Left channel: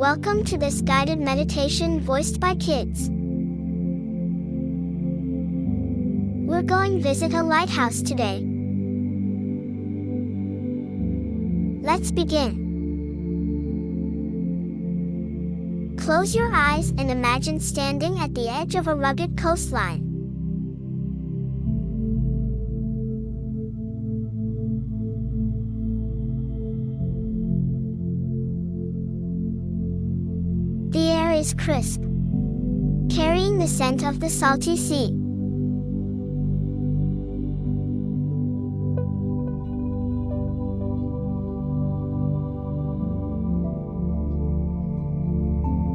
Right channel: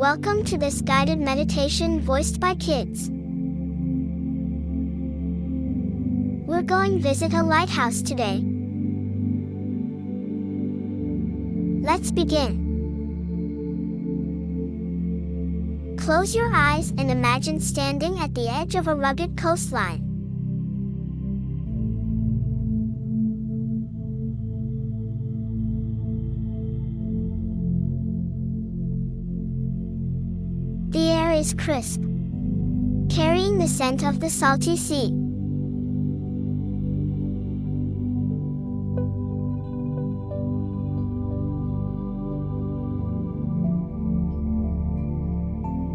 Welcome to this guided meditation voiced by kids. We're going to visit a lighthouse today. Let's begin. Close your eyes and imagine standing at the edge of a rugged coastline. The air is crisp, carrying the scent of the salty sea.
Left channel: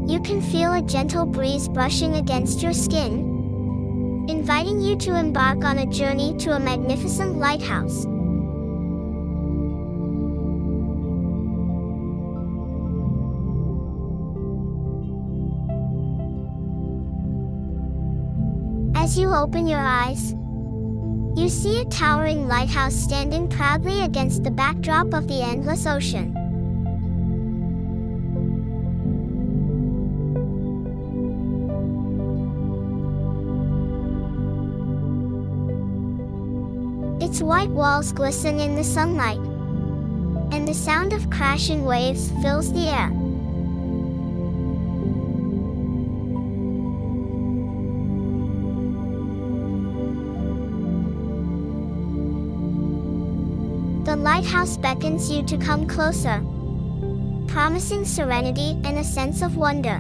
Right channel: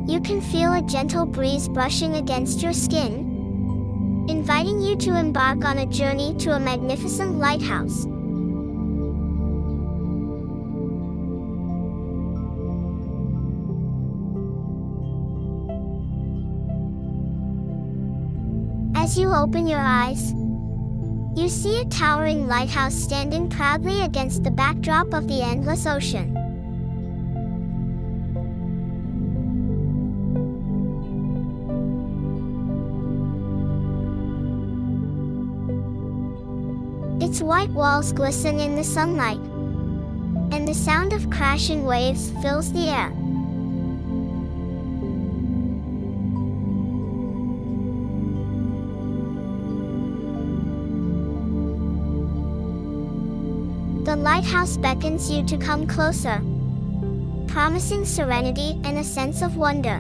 You can feel a gentle breeze brushing against your skin, inviting you to embark on a journey to a magnificent lighthouse. As you open your eyes, you see a towering lighthouse standing proudly against the backdrop of the endless ocean. Its white walls glisten in the sunlight, and the sound of crashing waves fills the air. The lighthouse beckons you to come closer, promising serenity and a sense of wonder.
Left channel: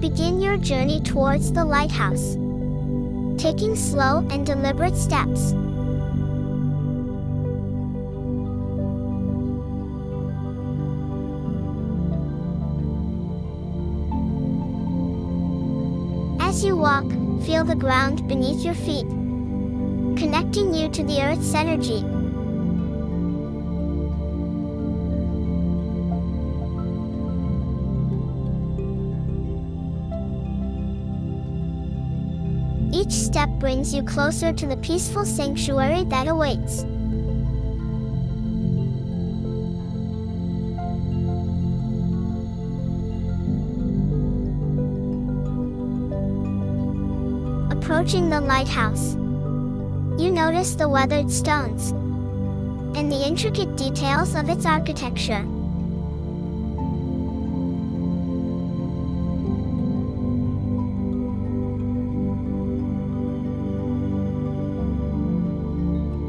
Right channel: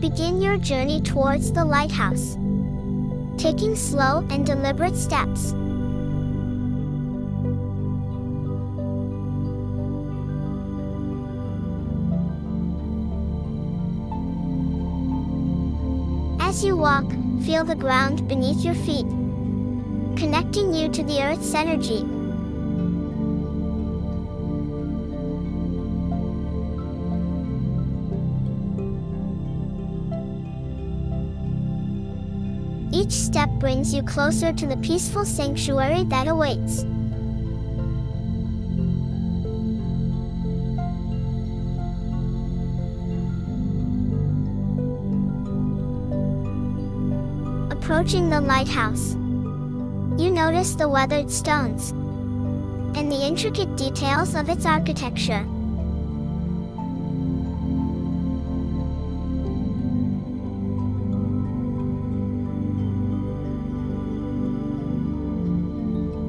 Begin your journey towards the lighthouse, taking slow and deliberate steps. As you walk, feel the ground beneath your feet, connecting you to the Earth's energy. Each step brings you closer to the peaceful sanctuary that awaits. Approaching the lighthouse, you notice the weathered stones and the intricate details of its architecture.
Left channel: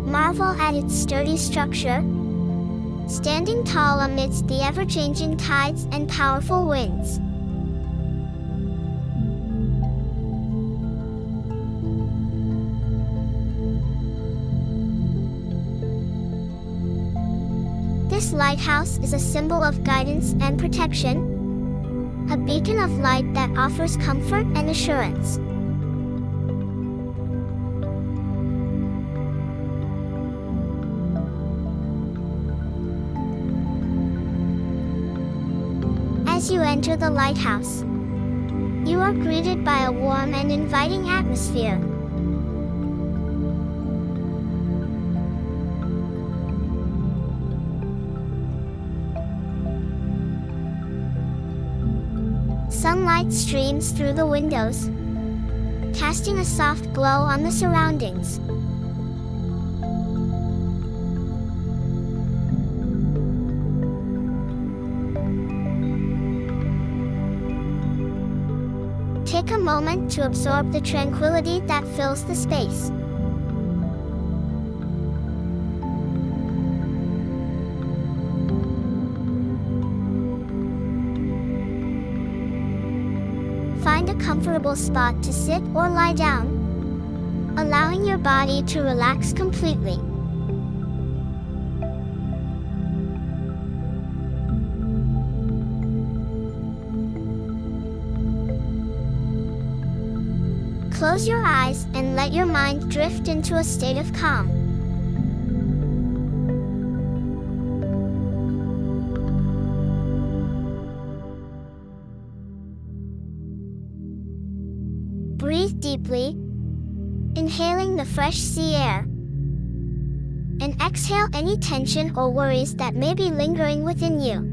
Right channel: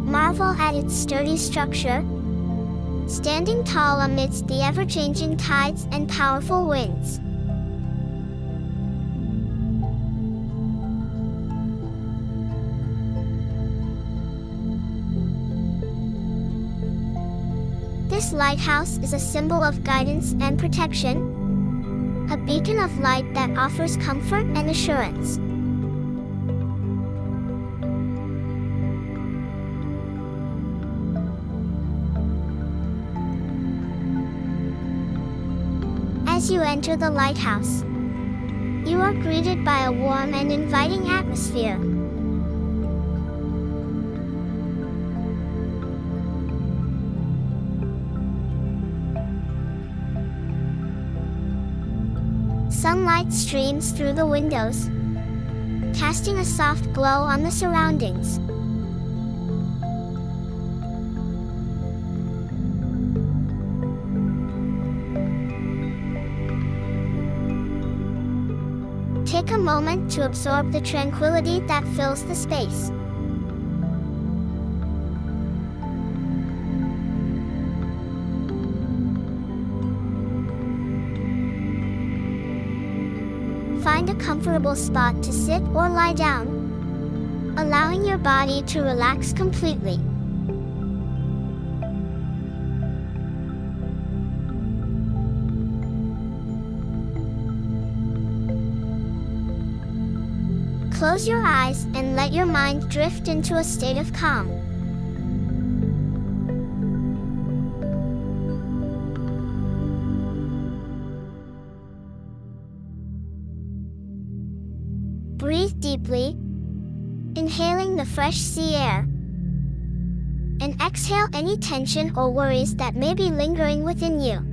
Marvel at its sturdy structure, standing tall amidst the ever-changing tides and powerful winds. This lighthouse is a symbol of guidance and protection, a beacon of light that offers comfort and assurance. As you enter the lighthouse, you are greeted by a warm and inviting atmosphere. Sunlight streams through the windows, casting a soft glow on the surroundings. Take a moment to absorb the tranquility that fills the space. Find a comfortable spot to sit or lie down, allowing your body to relax completely. Close your eyes and let your mind drift into a state of calm. Breathe deeply, inhaling the fresh sea air, and exhale any tension or worries that may be lingering within you.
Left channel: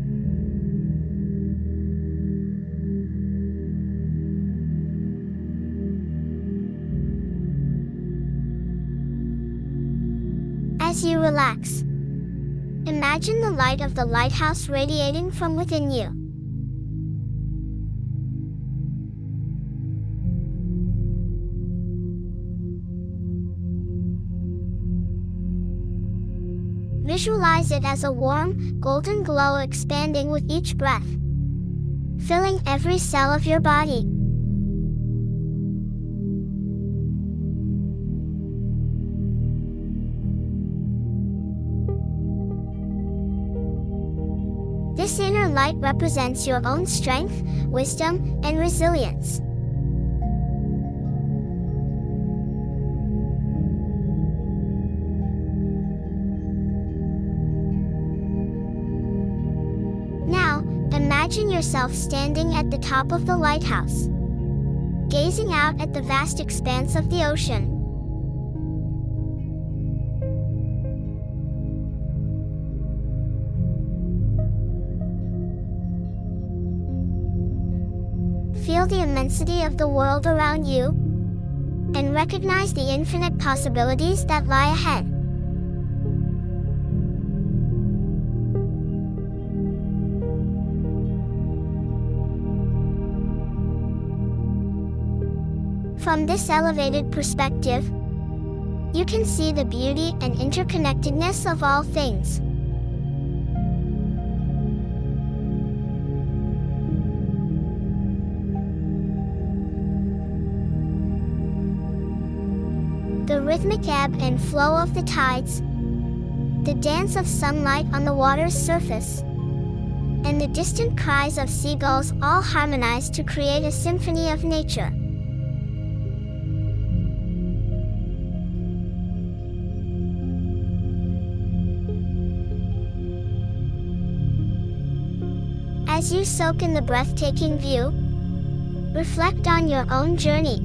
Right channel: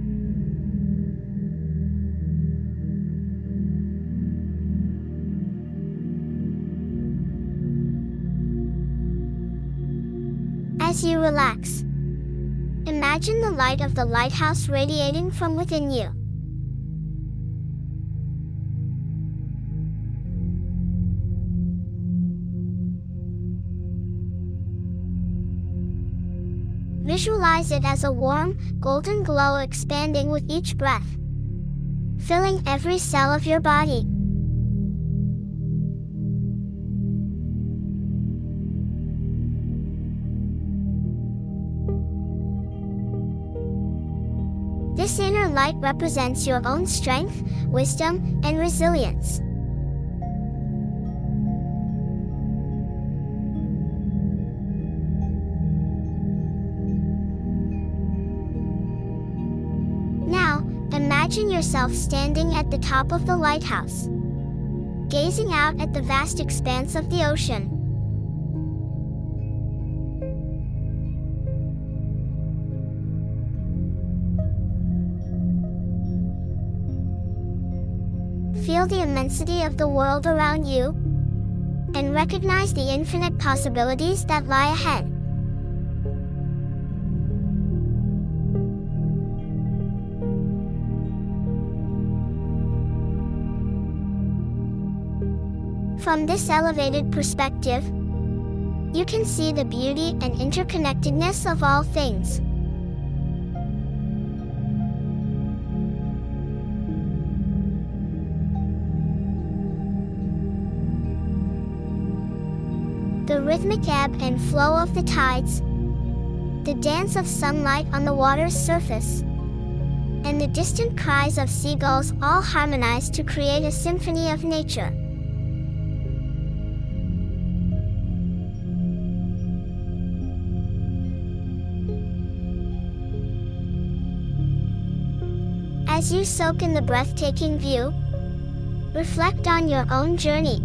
As you relax, imagine the light of the lighthouse radiating from within you. Visualize it as a warm, golden glow expanding with each breath, filling every cell of your body. This inner light represents your own strength, wisdom, and resilience. Now, imagine yourself standing at the top of the lighthouse, gazing out at the vast expanse of the ocean. Feel the immensity of the world around you, and recognize the infinite possibilities that lie ahead. From this elevated perspective, you can see the beauty and interconnectedness of all things. The rhythmic ebb and flow of the tides, the dance of sunlight on the water's surface, and the distant cries of seagulls all harmonize to create a symphony of nature. As you soak in the breathtaking view, reflect on your own journey.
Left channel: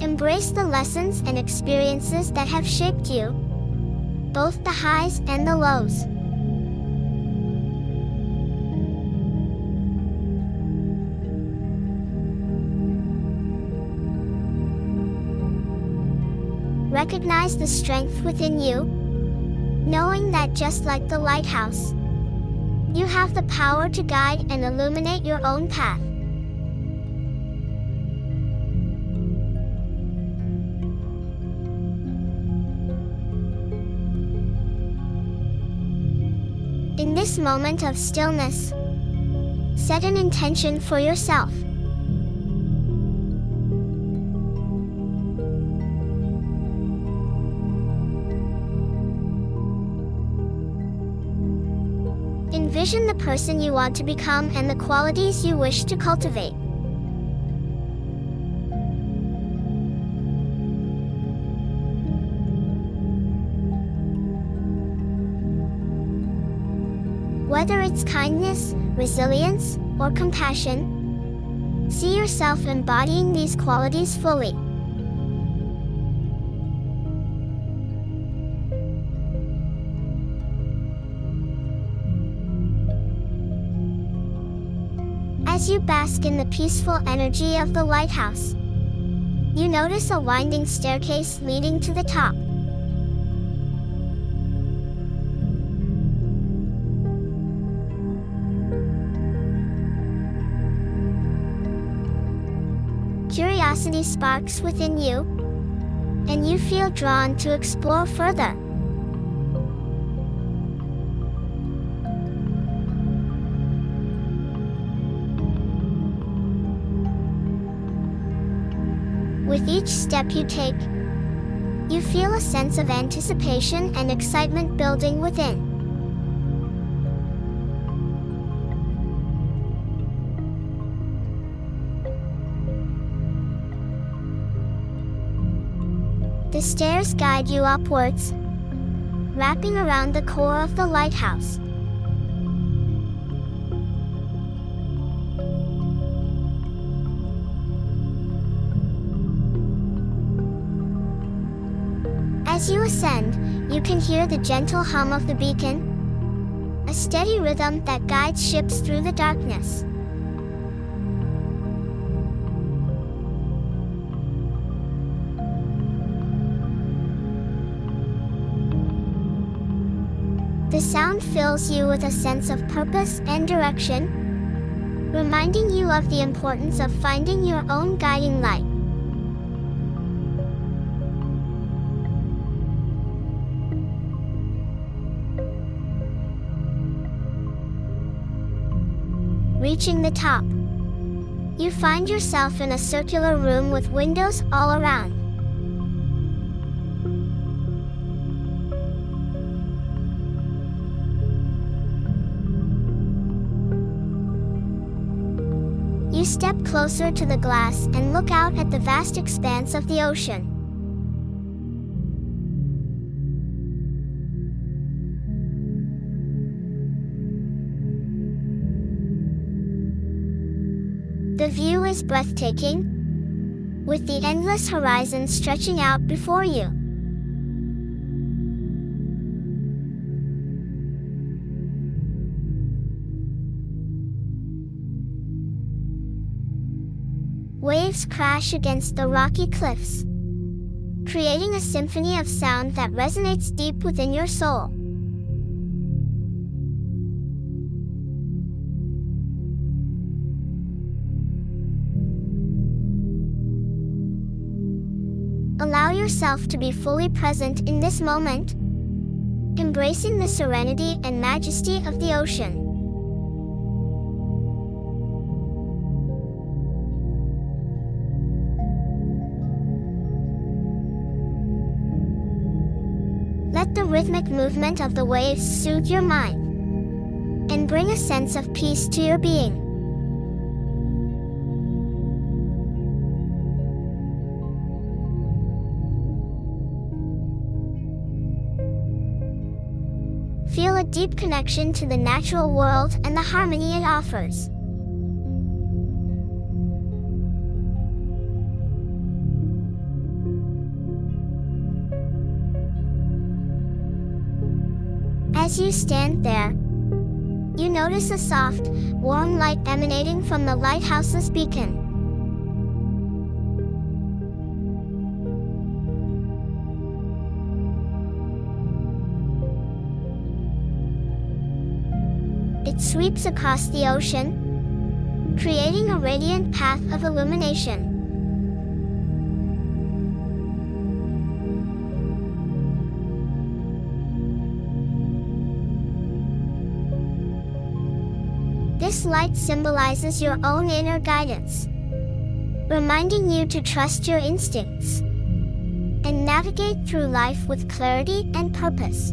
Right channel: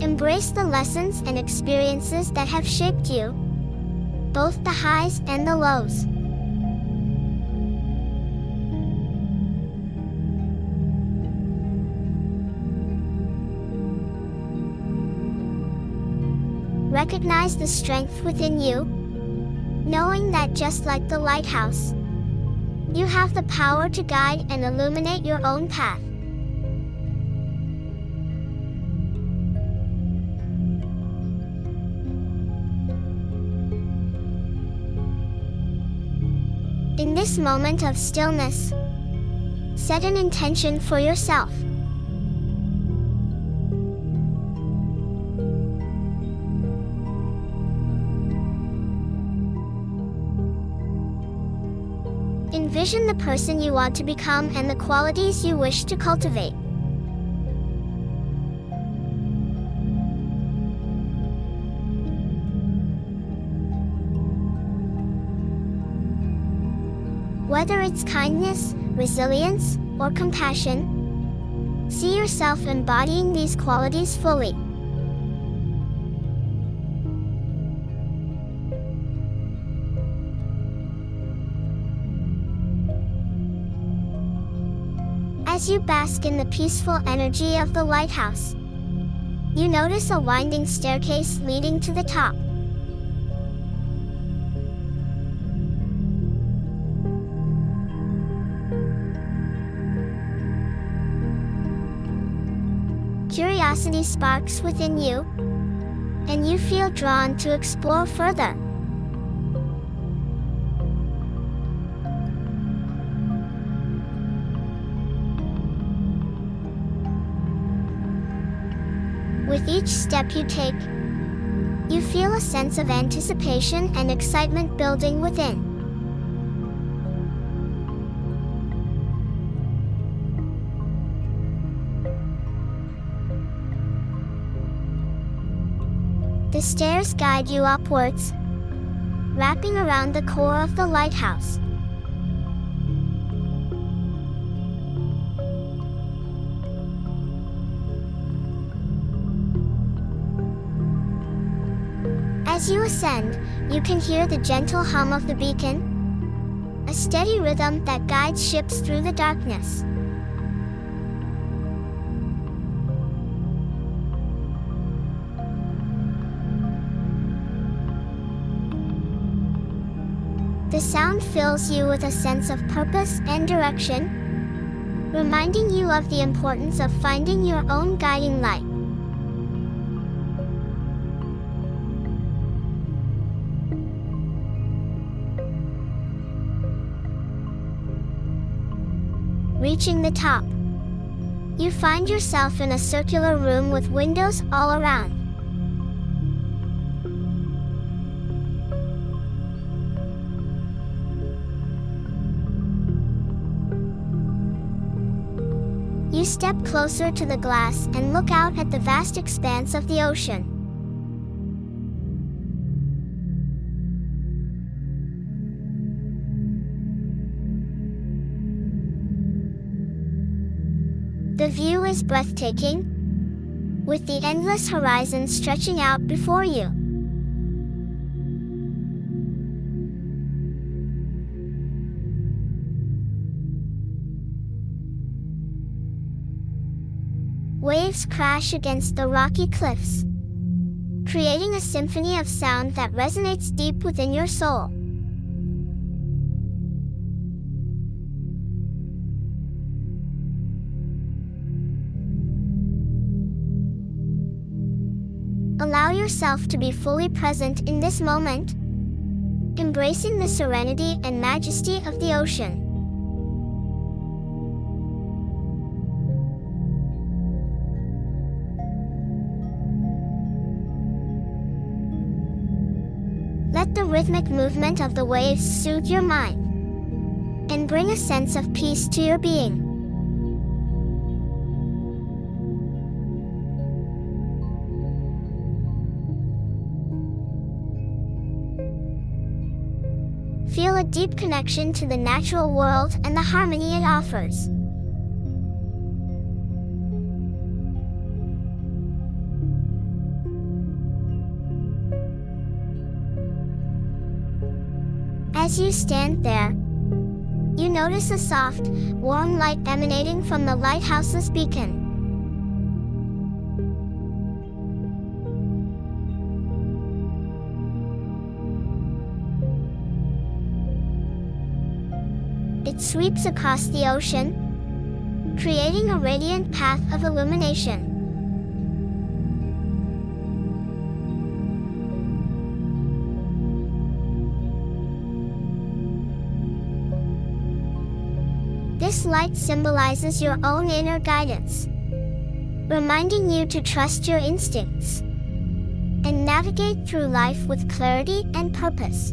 Embrace the lessons and experiences that have shaped you, both the highs and the lows. Recognize the strength within you, knowing that just like the lighthouse, you have the power to guide and illuminate your own path. In this moment of stillness, set an intention for yourself. Envision the person you want to become and the qualities you wish to cultivate. Whether it's kindness, resilience, or compassion, see yourself embodying these qualities fully. As you bask in the peaceful energy of the lighthouse, you notice a winding staircase leading to the top. Curiosity sparks within you, and you feel drawn to explore further. With each step you take, you feel a sense of anticipation and excitement building within. The stairs guide you upwards, wrapping around the core of the lighthouse. As you ascend, you can hear the gentle hum of the beacon, a steady rhythm that guides ships through the darkness. The sound fills you with a sense of purpose and direction, reminding you of the importance of finding your own guiding light. Reaching the top, you find yourself in a circular room with windows all around. You step closer to the glass and look out at the vast expanse of the ocean. The view is breathtaking, with the endless horizon stretching out before you. Waves crash against the rocky cliffs, creating a symphony of sound that resonates deep within your soul. Allow yourself to be fully present in this moment, embracing the serenity and majesty of the ocean. Let the rhythmic movement of the waves soothe your mind and bring a sense of peace to your being. Feel a deep connection to the natural world and the harmony it offers. As you stand there, you notice a soft, warm light emanating from the lighthouse's beacon. It sweeps across the ocean, creating a radiant path of illumination. This light symbolizes your own inner guidance, reminding you to trust your instincts and navigate through life with clarity and purpose.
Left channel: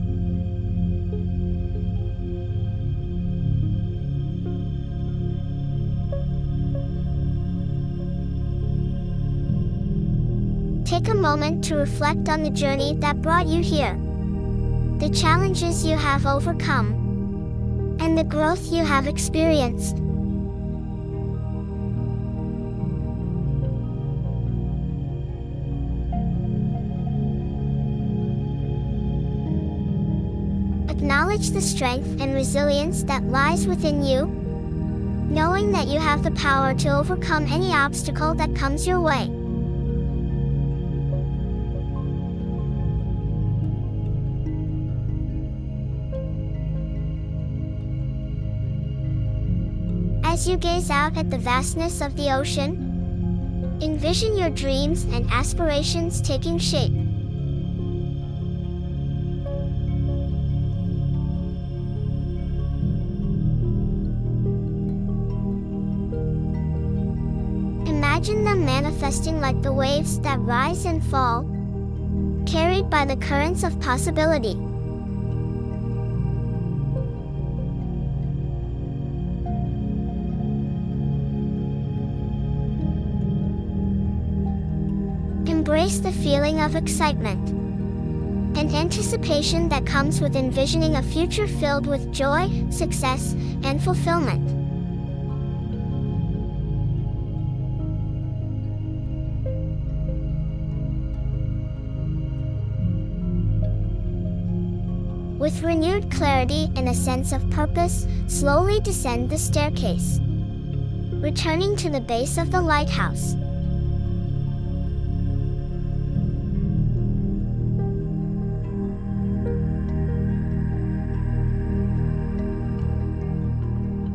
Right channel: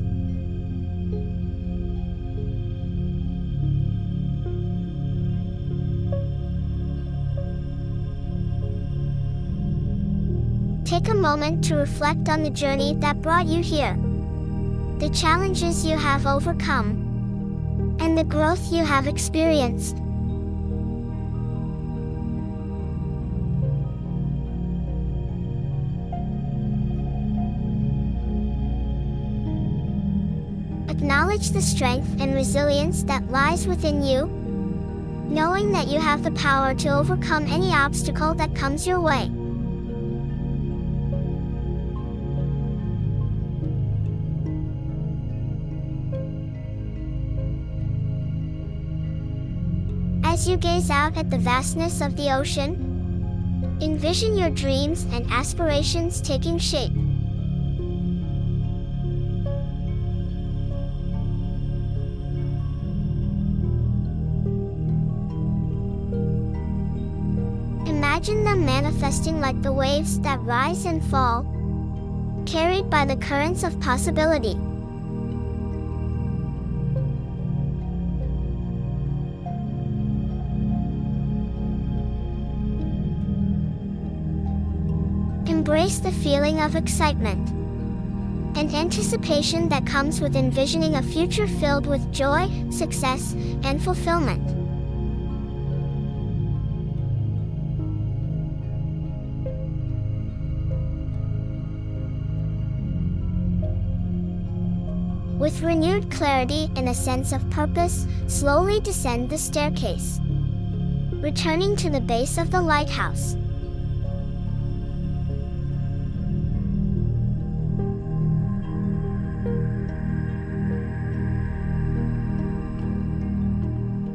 Take a moment to reflect on the journey that brought you here, the challenges you have overcome, and the growth you have experienced. Acknowledge the strength and resilience that lies within you, knowing that you have the power to overcome any obstacle that comes your way. As you gaze out at the vastness of the ocean, envision your dreams and aspirations taking shape. Imagine them manifesting like the waves that rise and fall, carried by the currents of possibility. Embrace the feeling of excitement, an anticipation that comes with envisioning a future filled with joy, success, and fulfillment. With renewed clarity and a sense of purpose, slowly descend the staircase, returning to the base of the lighthouse.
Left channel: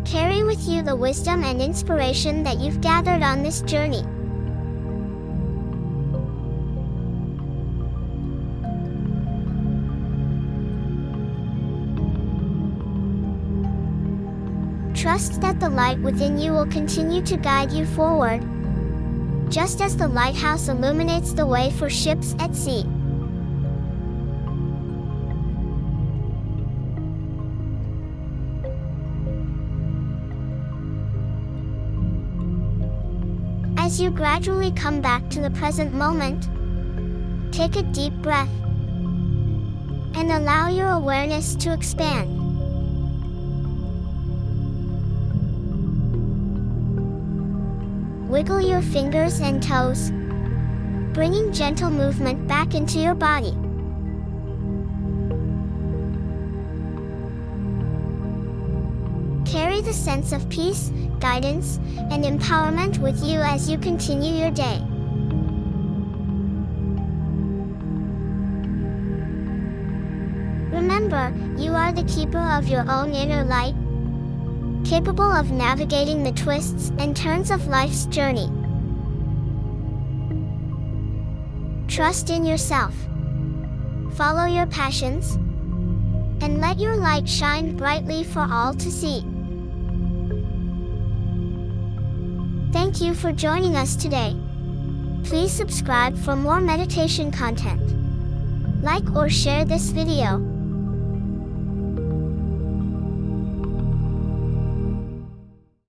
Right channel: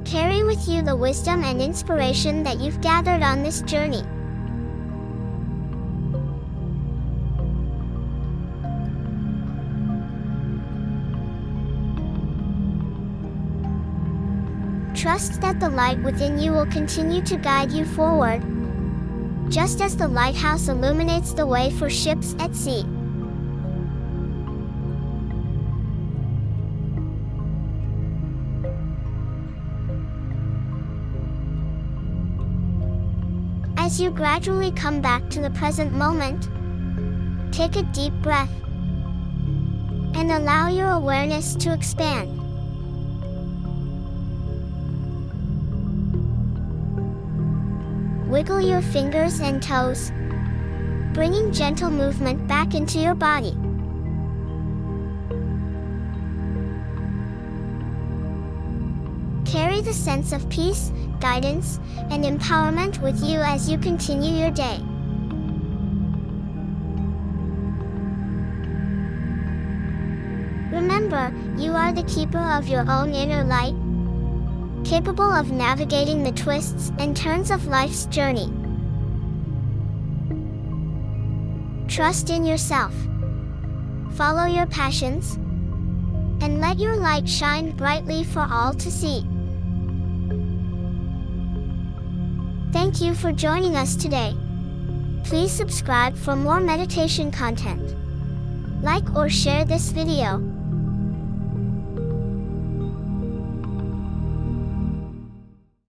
Carry with you the wisdom and inspiration that you've gathered on this journey. Trust that the light within you will continue to guide you forward, just as the lighthouse illuminates the way for ships at sea. As you gradually come back to the present moment, take a deep breath and allow your awareness to expand. Wiggle your fingers and toes, bringing gentle movement back into your body. Carry the sense of peace, guidance, and empowerment with you as you continue your day. Remember, you are the keeper of your own inner light, capable of navigating the twists and turns of life's journey. Trust in yourself, follow your passions, and let your light shine brightly for all to see. Thank you for joining us today. Please subscribe for more meditation content. Like or share this video.